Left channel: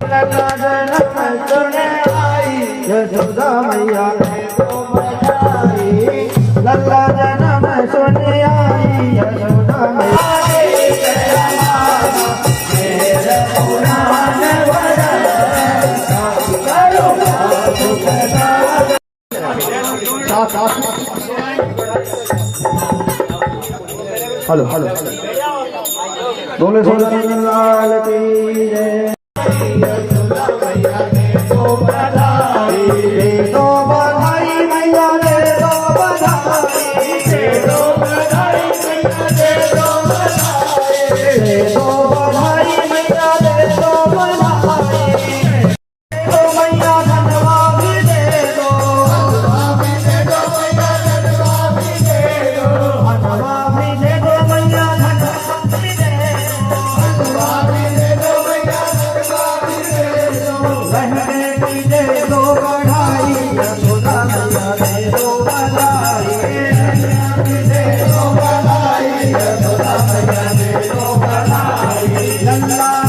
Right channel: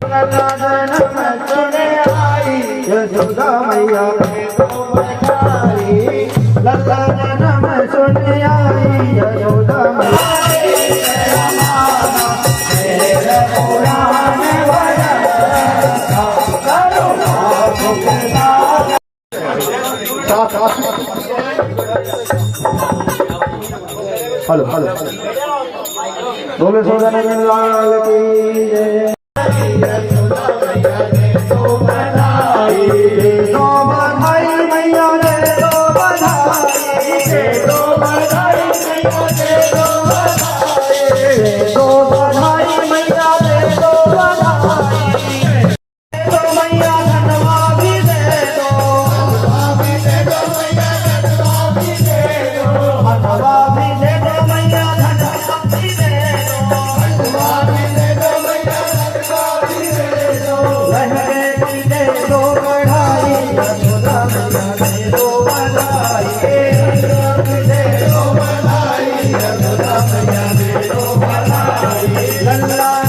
लल्ला जन्म सुने आई यशोदा मैया ने तो बधाई। लल्ला जन्म सुने आई यशोदा हेलो हेलो बोले सोना लाल की जय। लल्ला